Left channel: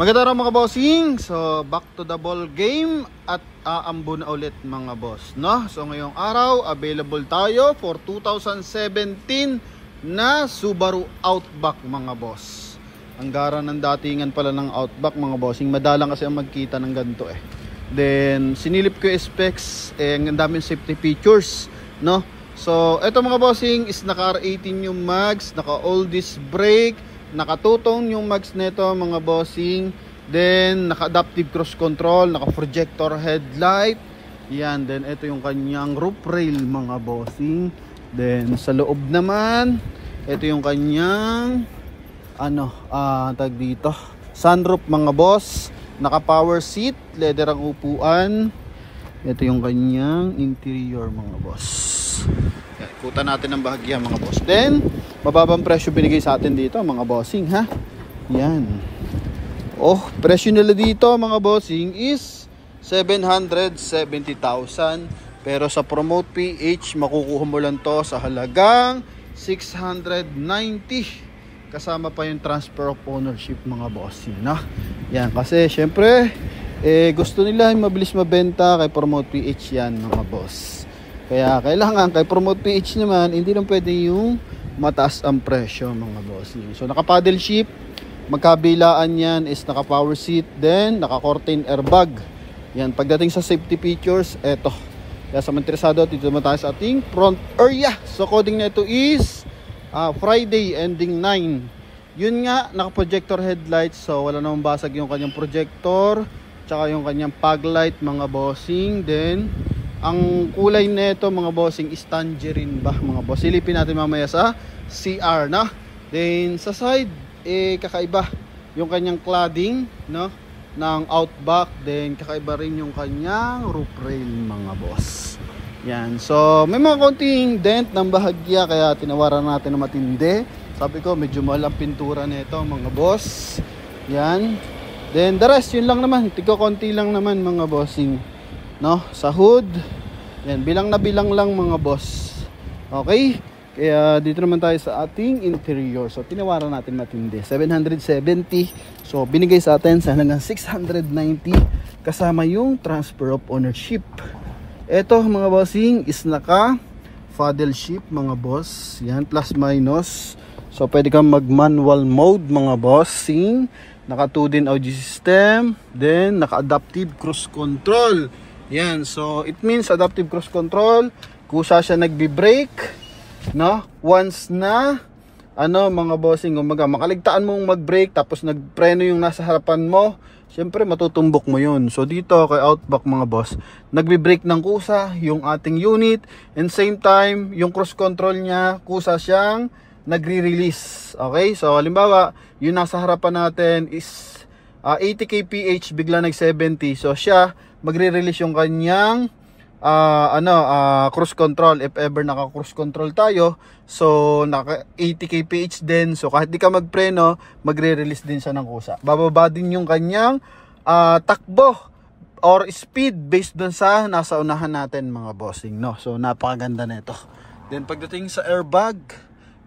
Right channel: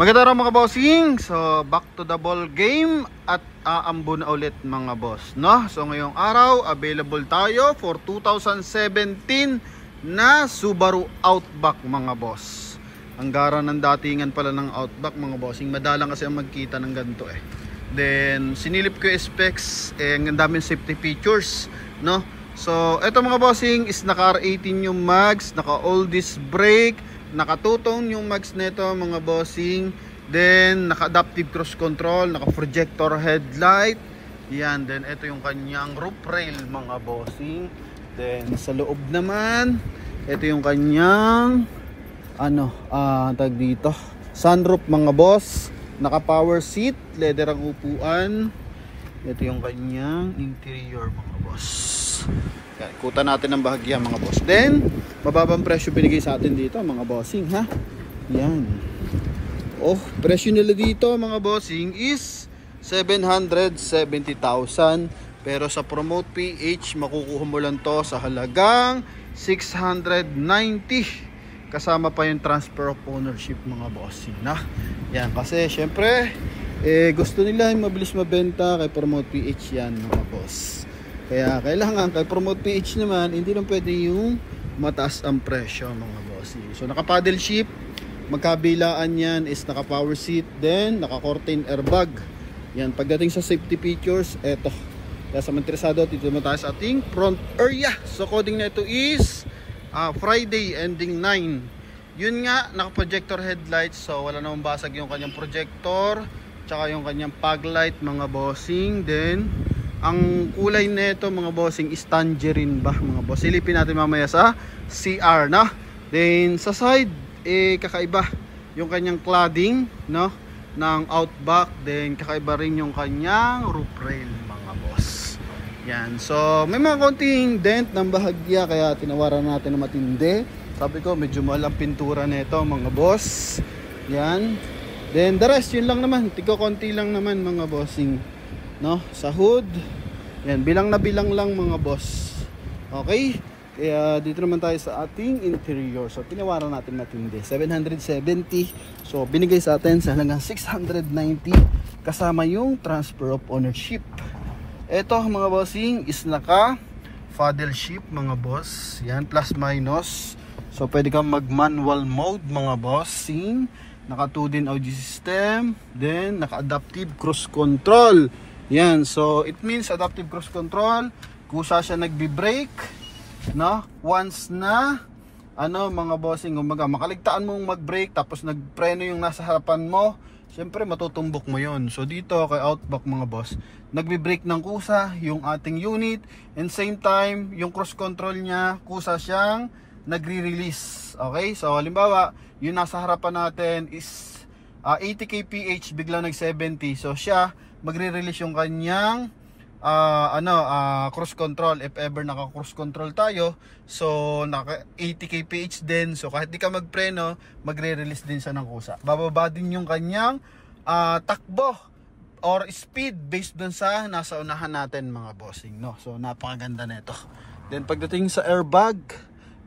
Magandang araw mga bossing. So back to the ball game at aambo na ulit mga boss, no? So ngayong araw available tayo for 2017 na Subaru Outback mga boss. Ang gara ng datingan pala ng Outback mga bossing. Madalang kasi ang magkita ng ganito eh. Then sinilip ko yung specs, ang daming safety features, no? So eto mga bossing is naka R18 yung mags, naka all disc brake, nakatutong yung mags nito mga bossing. Then naka adaptive cruise control, naka projector headlight. Yan, then ito yung kanyang roof rail mga bossing. Then sa loob naman, ito yung kanyang tag dito, sunroof mga boss. Naka power seat, leather ang upuan. Ito yung kanyang interior mga boss. Ikutan natin ang bahagya mga boss. Then mababang presyo binigay sa atin dito mga bossing, ha. Yan. Oh, presyo nila dito mga bossing is 770,000. Pero sa Promote PH makukuha mo lang to sa halagang 690. Kasama pa yung transfer of ownership mga bossing, no? Yan, kasi syempre gusto nila mabilis mabenta kay Promote PH yan mga boss. Kaya kailangan kay Promote PH naman, hindi lang pwede yung mataas ang presyo mga bossing. So naka paddle shift, magkabilaan yan is naka power seat, then naka curtain airbag. Yan, pagdating sa safety features, eto. Kaya sa mga interesado, dito naman tayo sa ating front area. So coding na ito is Friday ending 9. Yun nga, naka projector headlights, so wala namang basag yung kanyang projector, tsaka yung kanyang fog light mga bossing. Then ang kulay nito mga bossing is tangerine ba mga boss. Silipin natin mamaya sa CR, no? Then sa side kakaiba yung kanyang cladding, no, ng Outback. Then kakaiba rin yung kanyang roof rail mga boss. Yan, so may mga konting dent ng bahagya kaya tinawaran natin na matindi. Sabi ko medyo mahal ang pintura nito mga boss. Yan. Then the rest yun lang naman, tigo konti lang naman mga bossing, no, sa hood. Yan, bilang na bilang lang mga boss. Okay? Kaya dito naman tayo sa ating interior. So tinawaran natin matindi, 770. So binigay sa atin sa halagang 690 kasama yung transfer of ownership. Ito mga bossing is naka paddle shift mga boss. Yan, plus minus. So pwede kang mag manual mode mga bossing. Naka 2-din audio system, then naka adaptive cruise control. Yan, so it means adaptive cruise control, kusa siya nagbi-brake, no? Once na mga bossing, umaga makaligtaan mong mag-brake tapos nagpreno yung nasa harapan mo, syempre matutumbok mo yun. So dito kay Outback mga boss, nagbi-brake ng kusa yung ating unit, and same time yung cruise control niya kusa siyang nagre-release. Okay, so halimbawa yung nasa harapan natin is 80 kph, bigla nag 70, so siya magre-release yung kanyang cruise control. If ever naka cruise control tayo, so naka 80 kph din, so kahit di ka magpreno, magre-release din siya ng kusa. Bababa din yung kanyang takbo or speed based dun sa nasa unahan natin mga bossing, no? So napakaganda nito. Then pagdating sa airbag,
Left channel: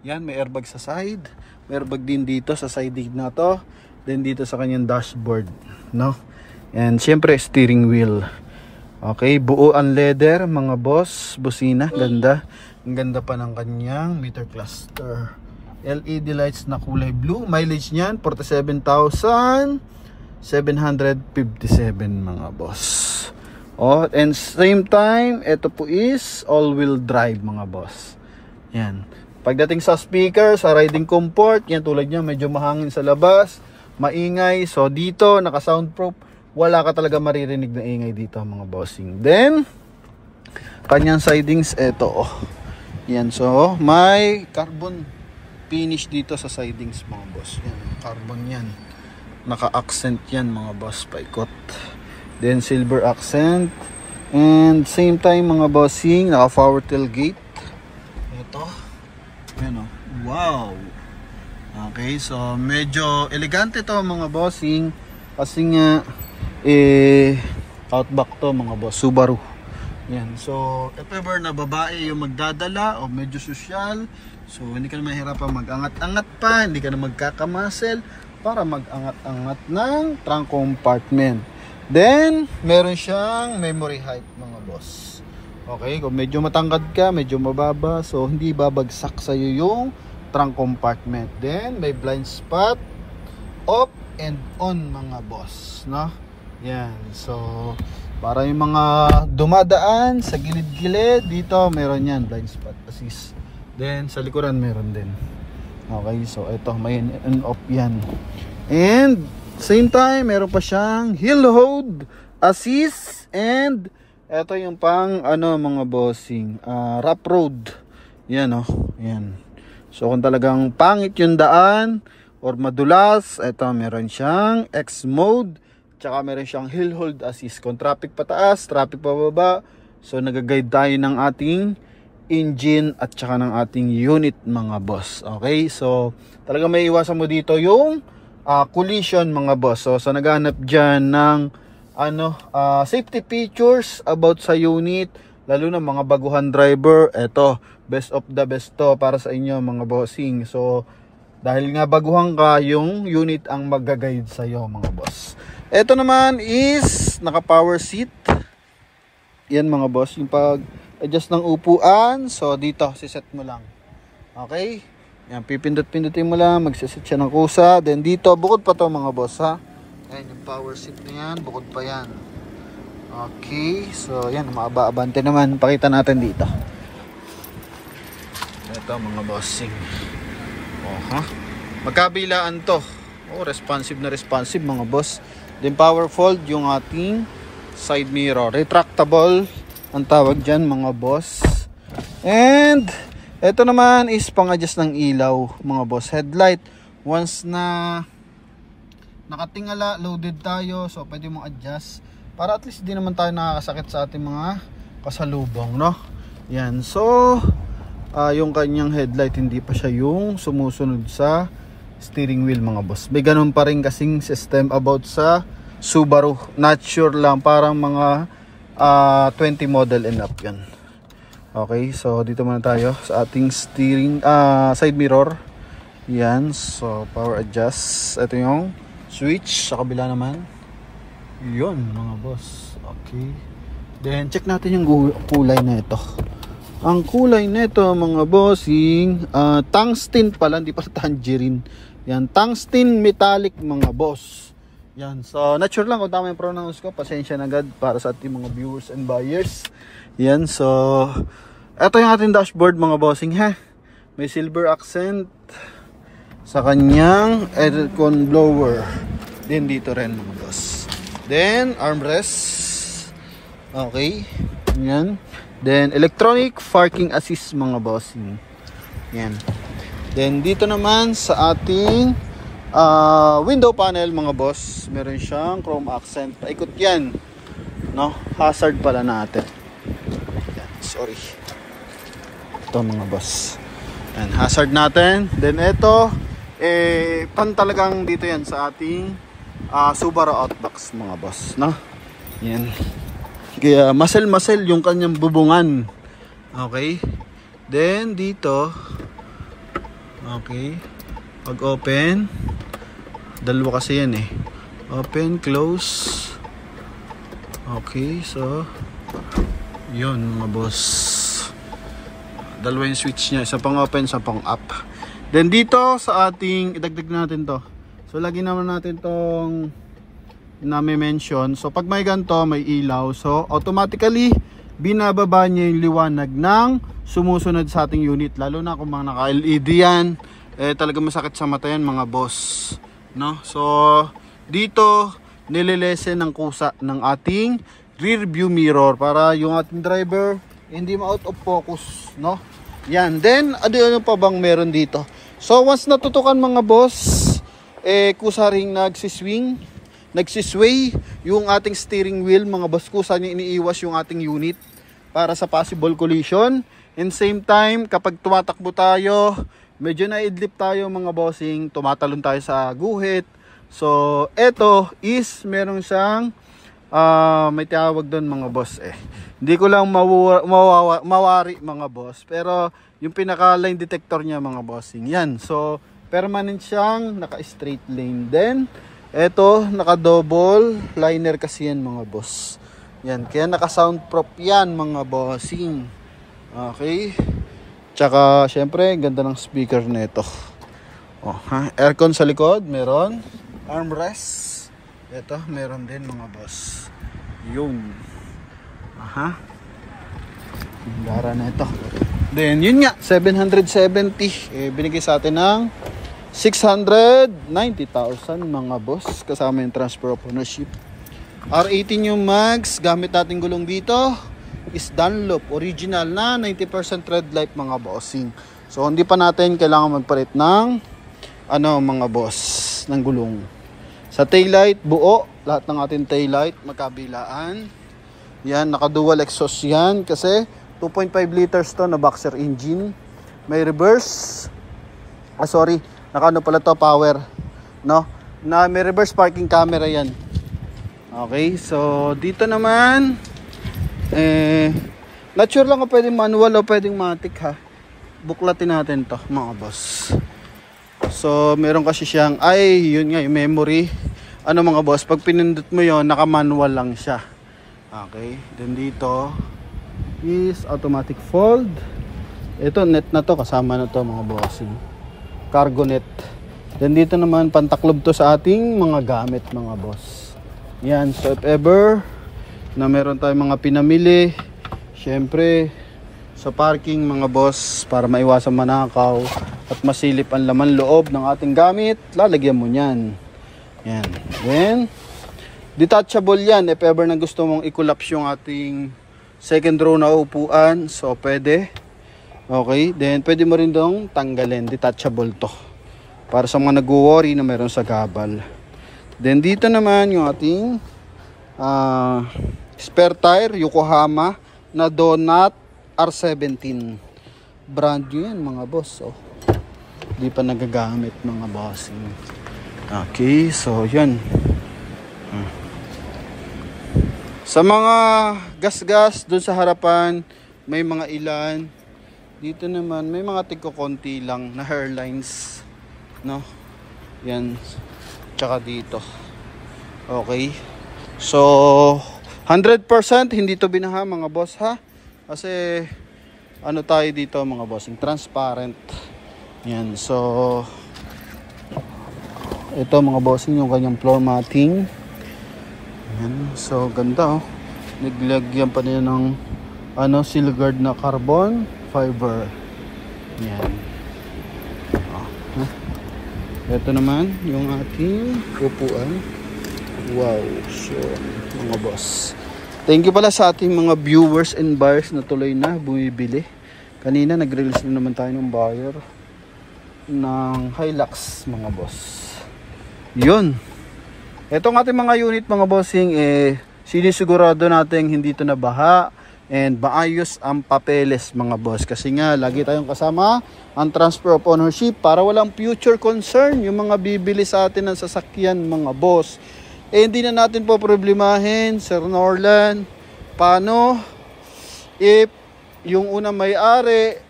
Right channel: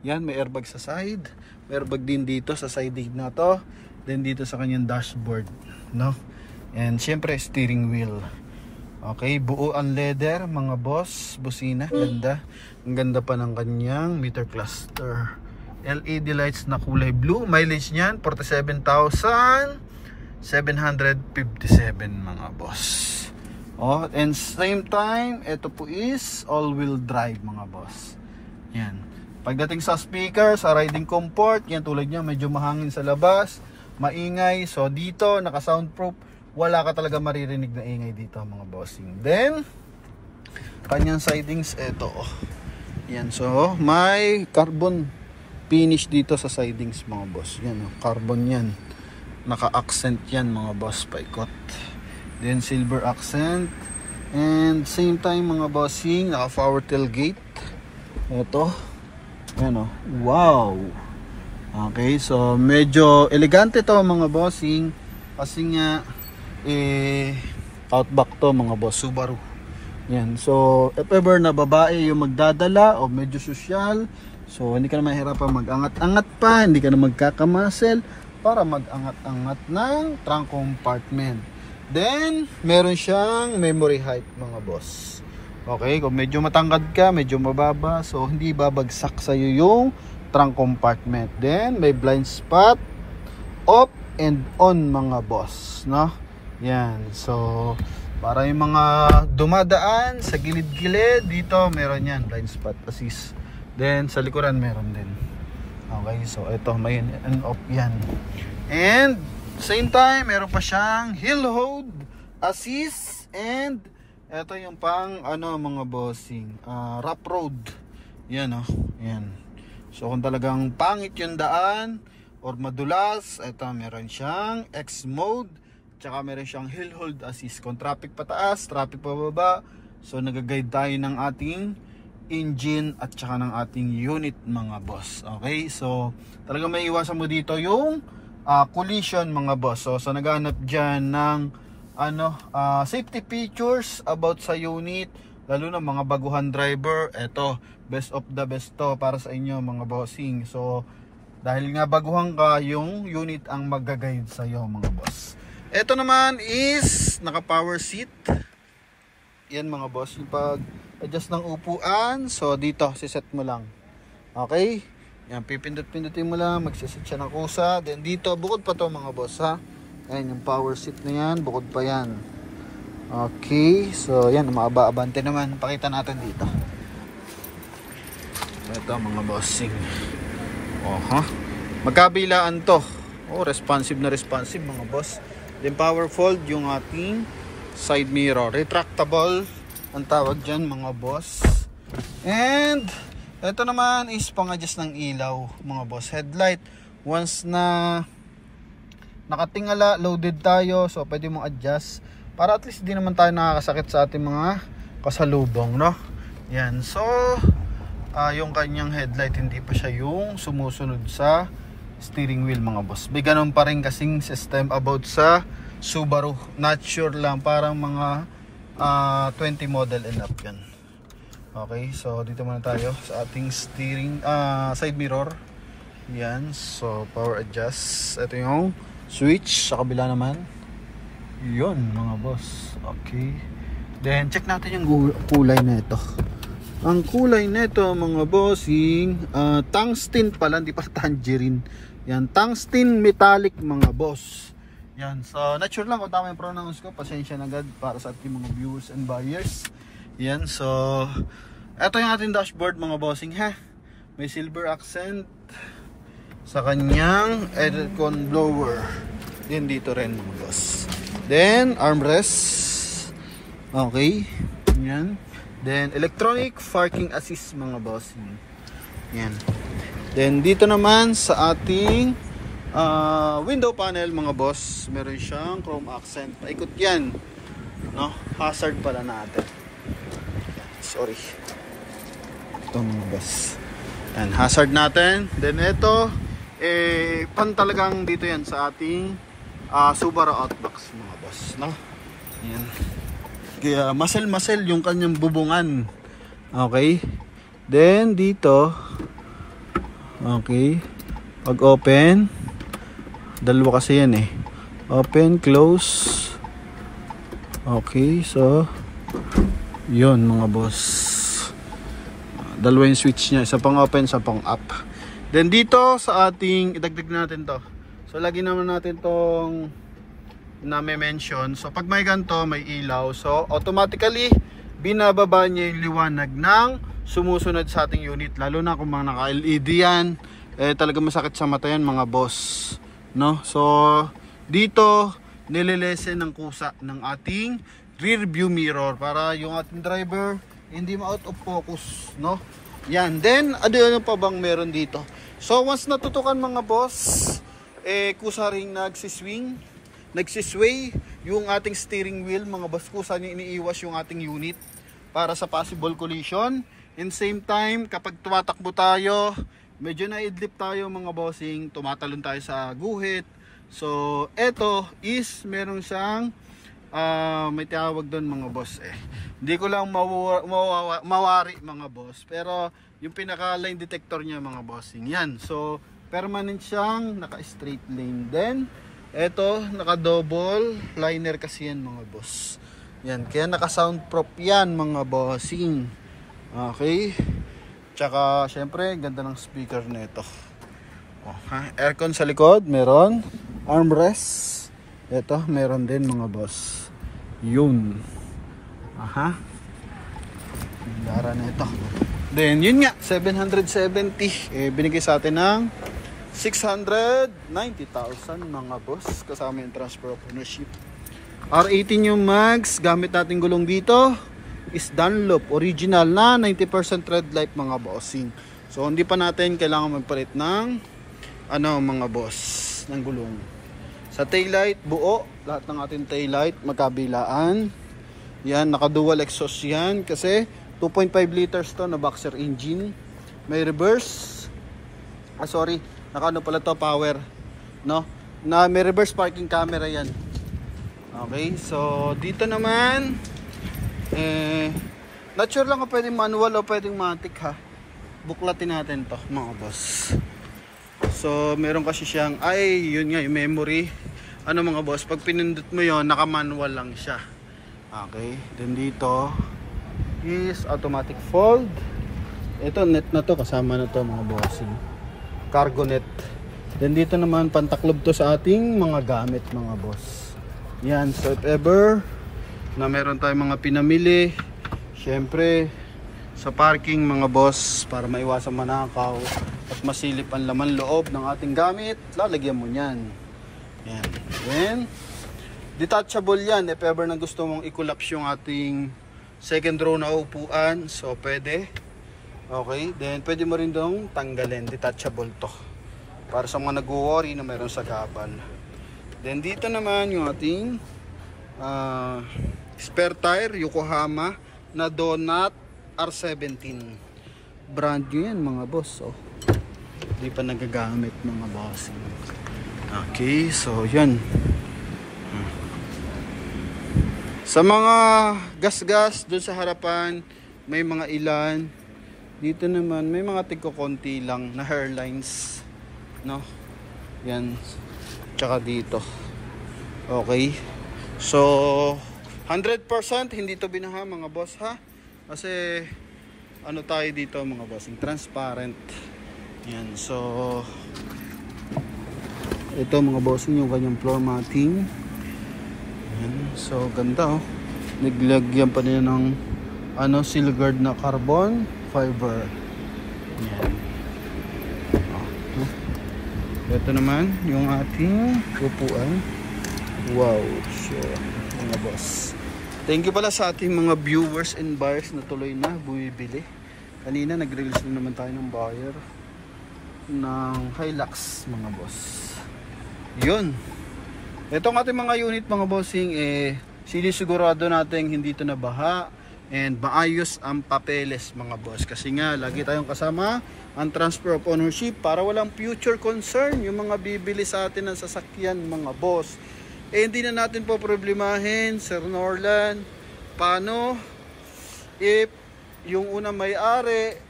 yan, may airbag sa side, may airbag din dito sa side na to, then dito sa kanyang dashboard, no? And syempre steering wheel. Okay, buo ang leather mga boss, busina, ganda. Ang ganda pa ng kanyang meter cluster. LED lights na kulay blue. Mileage niyan 47,757 mga boss. Oh, and same time, ito po is all-wheel drive mga boss. Yan. Pagdating sa speaker, sa riding comfort, yan tulad niya, medyo mahangin sa labas, maingay. So dito, naka-soundproof, wala ka talaga maririnig na ingay dito mga bossing. Then kanyang sidings, eto yan, so may carbon finish dito sa sidings mga boss. Yan, carbon yan, naka-accent yan mga boss, paikot. Then silver accent, and same time mga bossing, naka-power tailgate. Eto, yan, wow. Okay, so medyo elegante to mga bossing, kasi nga Outback to mga boss, Subaru. Yan, so if ever na babae yung magdadala o medyo social, so hindi ka na mahirapan mag-angat-angat pa, hindi ka na magkakamuscle, para mag-angat-angat ng trunk compartment. Then, meron siyang memory height mga boss. Okay, kung medyo matangkad ka, medyo mababa, so hindi babagsak sa'yo yung trunk compartment. Then, may blind spot, off and on mga boss, no? Yan, so para yung mga dumadaan sa gilid-gilid, dito meron yan, blind spot assist. Then, sa likuran meron din. Okay, so ito, may on off yan. And same time, meron pa siyang hill hold assist, and ito yung pang ano mga bossing, rough road. Yan oh, yan. So kung talagang pangit yung daan or madulas, ito meron siyang X mode, tsaka meron siyang hill hold assist. Kung traffic pataas, traffic pababa, so nagaguide tayo ng ating engine at tsaka ng ating unit mga boss. Okay, so talaga may iwasan mo dito yung collision mga boss. So naghanap dyan ng safety features about sa unit, lalo na mga baguhan driver, eto best of the best to para sa inyo mga bossing. So dahil nga baguhan ka, yung unit ang mag-guide sa iyo mga boss. Eto naman is naka power seat. Yan mga boss, yung pag adjust ng upuan, so dito siset mo lang. Okay, yan, pipindot-pindutin mo lang, magsiset siya ng kusa. Then dito, bukod pa to mga boss ha. Ayan, yung power seat na yan, bukod pa yan. Okay, so yan, maaba-abante naman. Pakita natin dito. Ito mga bossing. Magkabilaan to. Responsive na responsive mga boss. Then power fold yung ating side mirror. Retractable ang tawag dyan mga boss. And ito naman is pang-adjust ng ilaw mga boss. Headlight, once na nakatingala, loaded tayo, so pwede mong adjust para at least di naman tayo nakakasakit sa ating mga kasalubong, no? Yan, so yung kanyang headlight hindi pa siya yung sumusunod sa steering wheel mga boss. May ganun pa rin kasing system about sa Subaru. Not sure lang, parang mga 20 model and up yan. Okay, so dito muna tayo sa ating steering side mirror. Yan, so power adjust. Ito yung switch sa kabila naman. Yun mga boss. Okay, then check natin yung kulay na ito. Ang kulay nito mga bossing, tungsten pala, hindi pa tangerine. Yan, tungsten metallic mga boss. Yan, so not sure lang kung tama yung pronounce ko, pasensya na agad para sa ating mga viewers and buyers. Yan, so ito yung ating dashboard mga bossing ha. May silver accent sa kanyang aircon blower. Then dito rin mga boss. Then armrest. Okay, yan. Then electronic parking assist mga bossing. Yan. Then dito naman sa ating window panel mga boss, meron siyang chrome accent. Paikot yan, no? Hazard pala natin. Yan, sorry. Ito mga boss. Yan, hazard natin. Then ito, pan talagang dito yan sa ating Subaru Outback mga boss, no? Yan. Kaya masel-masel yung kanyang bubungan. Okay. Then dito, okay, pag open, dalawa kasi yan open, close. Okay, so yun mga boss, dalawa yung switch nya, isa pang open, isa pang up. Then dito sa ating, idagdag natin to, so lagi naman natin tong na may mention. So pag may ganito, may ilaw, so automatically binababa niya yung liwanag ng sumusunod sa ating unit, lalo na kung mga naka LED yan, talaga masakit sa mata yan mga boss, no? So dito nililesen ng kusa ng ating rear view mirror para yung ating driver hindi ma-out of focus, no? Yan. Then ano pa bang meron dito? So once natutukan mga boss, kusa ring nagsisway yung ating steering wheel mga boss, kusa niya iniiwas yung ating unit para sa possible collision. And same time, kapag tumatakbo tayo, medyo naidlip tayo mga bossing, tumatalon tayo sa guhit. So eto is meron siyang may tawag doon mga boss hindi ko lang mawari mga boss, pero yung pinaka line detector niya mga bossing yan. So permanent siyang naka-straight lane. Then, eto, naka-double liner kasi yan mga boss. Yan, kaya naka-soundproof yan mga bossing. Okay. Tsaka, syempre, ganda ng speaker nito. Oh, ha? Aircon sa likod, meron. Armrest. Ito, meron din mga boss. Yun. Aha. Gara na ito. Then, yun nga, 770. Binigay sa atin ng 690,000 mga boss. Kasama yung transfer of ownership. R18 yung mags. Gamit natin gulong dito is Dunlop. Original na 90% red light mga bossing. So, hindi pa natin kailangan magpalit ng mga boss, ng gulong. Sa taillight, buo. Lahat ng ating taillight, magkabilaan. Yan, naka-dual exhaust yan. Kasi 2.5 liters to na boxer engine. May reverse. Naka-ano pala to, power. No? May reverse parking camera yan. Okay, so dito naman, not sure lang kung pwedeng manual o pwedeng matic ha. Buklatin natin to mga boss. So, meron kasi siyang, yun nga, yung memory. Mga boss, pag pinindot mo yon, naka-manual lang siya. Okay, then dito is automatic fold. Ito, net na to, kasama na to mga boss. Cargo net. Then dito naman, pantaklob to sa ating mga gamit mga boss. Yan, so if ever na meron tayong mga pinamili, syempre, sa parking mga boss, para maiwasan manakaw at masilip ang laman loob ng ating gamit, lalagyan mo yan. Yan. Then, detachable yan if ever na gusto mong i-collapse yung ating second row na upuan. So, pwede. Okay. Then, pwede mo rin dong tanggalin. Detachable to. Para sa mga nag-worry na meron sa gabal. Then, dito naman yung ating spare tire, Yokohama na Donut R17. Brand new yan mga boss. Oh. Di pa nagagamit mga boss. Okay, so yan. Sa mga gas-gas doon sa harapan, may mga ilan. Dito naman may mga tigko-konti lang na hairlines, no? Yan. Tsaka dito. Okay. So 100% hindi to binaha mga boss ha. Kasi tayo dito mga boss, transparent. Yan. So ito mga boss, yung kanyang floor matting. Yan. So ganda oh. Naglagyan pa nila ng Silguard na carbon fiber. Yan. Ito naman yung ating upuan. Wow. So mga boss, thank you pala sa ating mga viewers and buyers na tuloy na bumibili. Kanina nag-release na naman tayo ng buyer ng Hilux mga boss. Yun. Itong ating mga unit mga bossing, sinisigurado natin hindi ito nabaha and maayos ang papeles mga boss. Kasi nga lagi tayong kasama ang transfer of ownership para walang future concern yung mga bibili sa atin ng sasakyan mga boss. Hindi na natin po problemahin, Sir Norland, paano if yung unang may-ari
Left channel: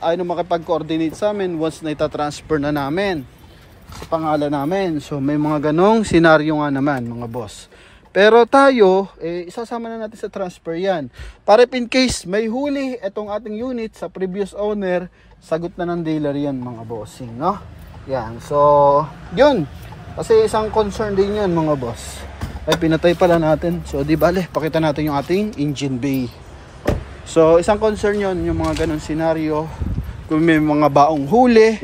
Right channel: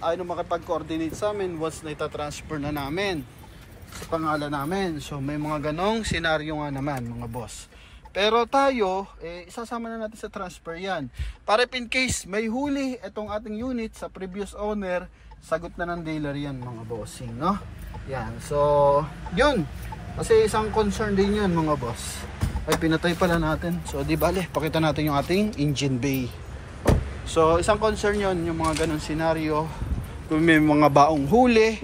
ayaw makipag-coordinate sa amin once na itatransfer na namin sa pangalan namin. So may mga ganong senaryo nga naman mga boss. Pero tayo, isasama na natin sa transfer yan. Para in case may huli itong ating unit sa previous owner, sagot na ng dealer yan mga bossing, no? Yan, so yun. Kasi isang concern din yun mga boss. Ay pinatay pala natin. So di bale, pakita natin yung ating engine bay. So isang concern yun, yung mga ganong senaryo. Kung may mga baong huli,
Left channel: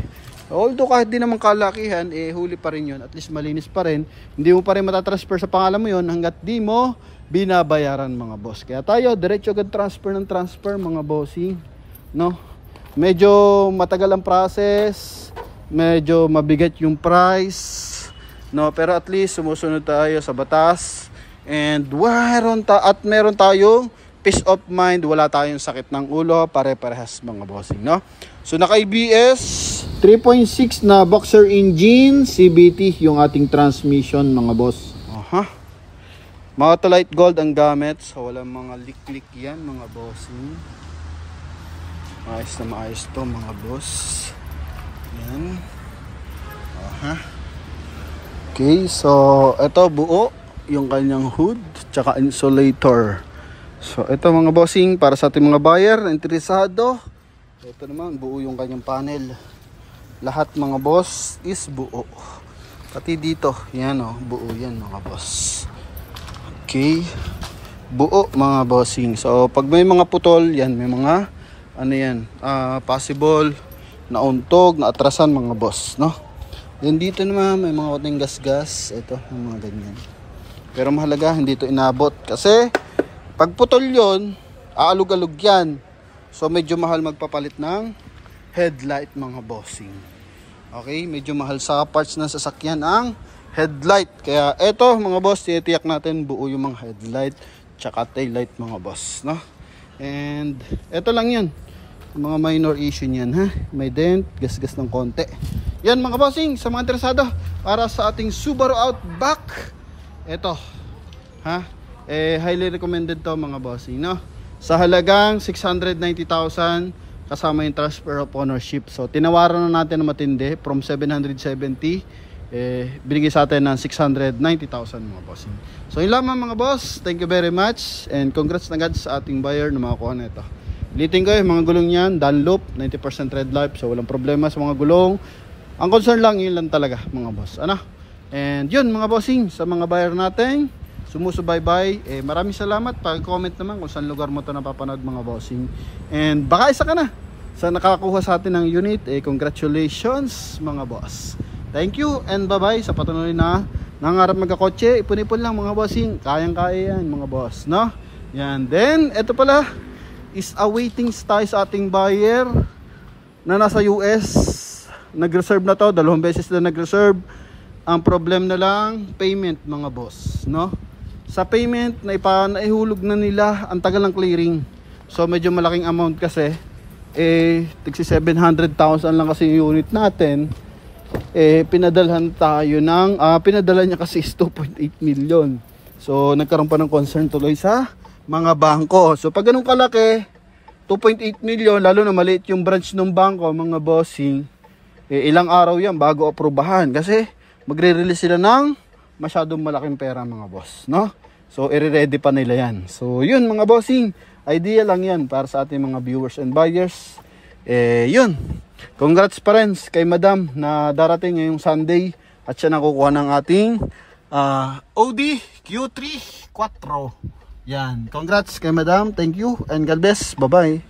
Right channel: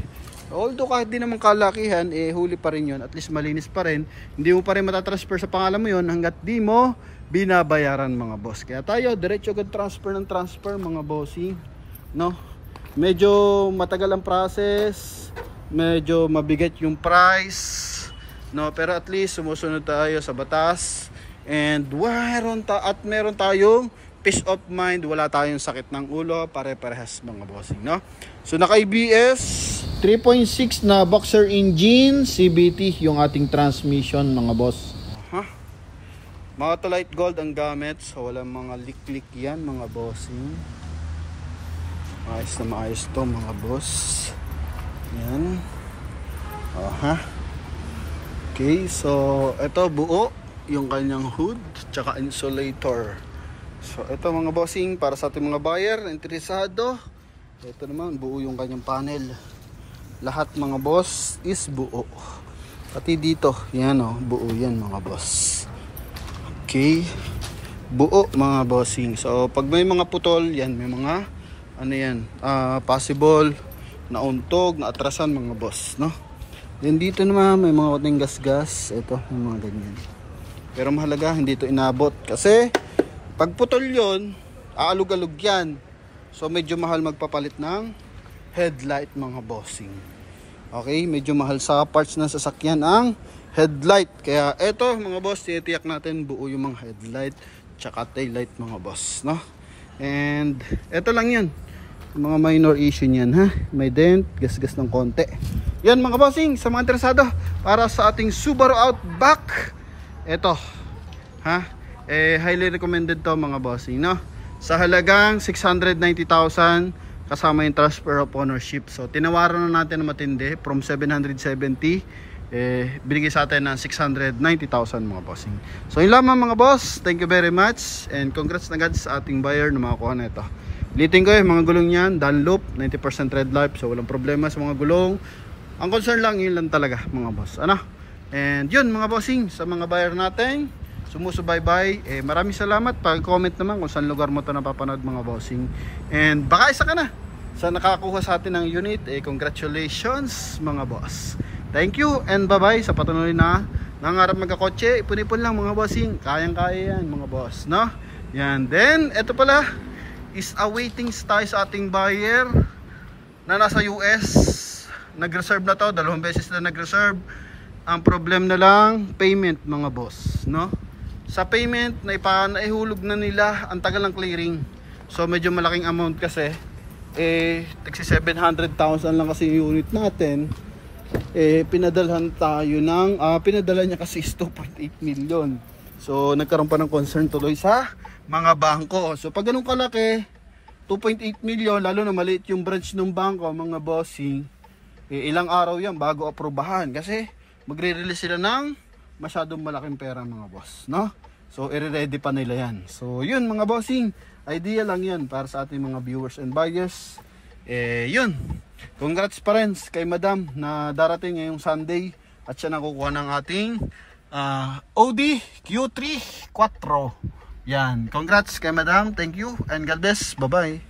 although kahit di naman kalakihan, huli pa rin yun. At least malinis pa rin. Hindi mo pa rin matatransfer sa pangalan mo yun hanggat di mo binabayaran mga boss. Kaya tayo, diretso agad transfer ng transfer mga bossy. No? Medyo matagal ang process. Medyo mabigat yung price. No, pero at least sumusunod tayo sa batas and meron tayong peace of mind, wala tayong sakit ng ulo, pare-parehas mga bossing, no? So naka ABS 3.6 na boxer engine, CVT yung ating transmission mga boss. Mga light gold ang gamit, so walang mga lik-lik yan mga bossing. Maayos na maayos to mga boss. Yan. Aha. Okay, so ito buo yung kanyang hood tsaka insulator. So ito mga bossing, para sa ating mga buyer na interesado, ito naman buo yung kanyang panel. Lahat mga boss is buo. Pati dito, yan o, buo yan mga boss. Okay, buo mga bossing. So pag may mga putol, yan may mga ano yan, possible na untog, na atrasan mga boss, no? Then dito naman may mga konting gas-gas. Ito, may mga ganyan. Pero mahalaga, hindi ito inabot. Kasi, pag putol yun, aalog-alog yan. So, medyo mahal magpapalit ng headlight mga bossing. Okay, medyo mahal sa parts ng sasakyan ang headlight. Kaya, ito mga boss, titiyak natin buo yung mga headlight tsaka taillight mga boss, no? And, ito lang yan. Mga minor issue niyan, ha? May dent, gas-gas ng konti. Yan mga bossing, sa mga interesado para sa ating Subaru Outback, eto, ha? Highly recommended to mga bossing, no? Sa halagang 690,000 kasama yung transfer of ownership. So tinawaran na natin na matindi from 770, binigay sa atin ng 690,000 mga bossing. So yun lamang mga boss, thank you very much and congrats na agad sa ating buyer na makakuha na ito. Liting ko yung mga gulong yan, Dunlop, 90% red light, so walang problema sa mga gulong. Ang concern lang, yun lang talaga mga boss, ano? And yun mga bossing, sa mga buyer natin sumusubaybay, maraming salamat. Pag-comment naman kung saan lugar mo ito napapanood mga bossing. And baka isa ka na sa nakakuha sa atin ng unit, congratulations mga boss. Thank you and bye bye sa patuloy na nangarap magkakotse. Ipon-ipon lang mga bossing, kayang-kaya yan mga boss, no? Yan, then ito pala is awaiting tayo sa ating buyer na nasa US. Nag-reserve na to, 2 beses na nag-reserve. Ang problem na lang, payment mga boss, no? Sa payment, naihulog na nila, ang tagal ng clearing. So medyo malaking amount kasi. Tigsi 700,000 lang kasi yung unit natin. Pinadalhan tayo ng, pinadala niya kasi is 2.8 million. So nagkaroon pa ng concern tuloy sa mga bangko. So pag ganun kalaki, 2.8 million, lalo na maliit yung branch ng bangko mga bossing, ilang araw yan bago aprobahan kasi magre-release sila ng masyadong malaking pera mga boss, no? So i-ready pa nila yan. So yun mga bossing, idea lang yan para sa ating mga viewers and buyers. Yun, congrats pa rin kay madam na darating ngayong Sunday at siya nakukuha ng ating Audi Q3 4. Yan, congrats kay madam, thank you and God bless, bye bye.